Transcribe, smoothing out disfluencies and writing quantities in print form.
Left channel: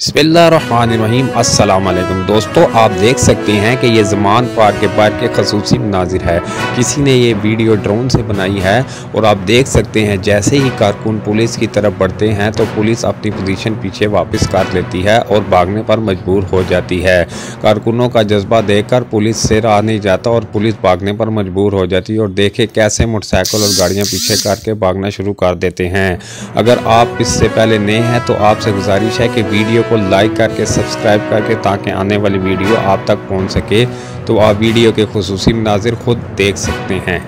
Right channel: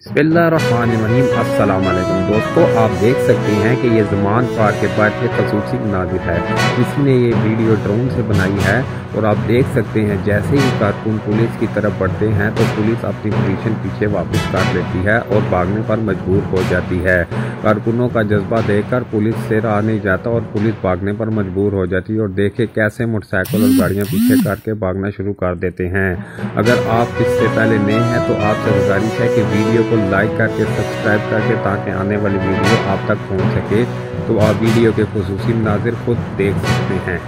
बिस्मिल्लाहिर्रहमानिर्रहीम। अस्सलाम वालेकुम दोस्तों, आप देख सकते हैं कि ये ज़मान पार्क के बाहर के खसूसी मनाजिर है। किसी ने ये वीडियो ड्रोन से बनाई है और आप देख सकते हैं जैसे ही कारकुन पुलिस की तरफ बढ़ते हैं तो पुलिस अपनी पोजीशन पीछे वापस कर लेती है और भागने पर मजबूर हो जाती है। कारकुनों का जज्बा देखकर पुलिस से रहा नहीं जाता और पुलिस भागने पर मजबूर हो जाती है और देखे कैसे मोटरसाइकिल और गाड़ियाँ पीछे करके भागना शुरू कर देते हैं। अगर आप इससे पहले नए हैं तो आपसे गुजारिश है कि वीडियो को लाइक करके सब्सक्राइब करके ताकि आने वाली वीडियो आप तक पहुंच सके, तो आप वीडियो के खुसूसी मनाजिर खुद देख सकते हैं।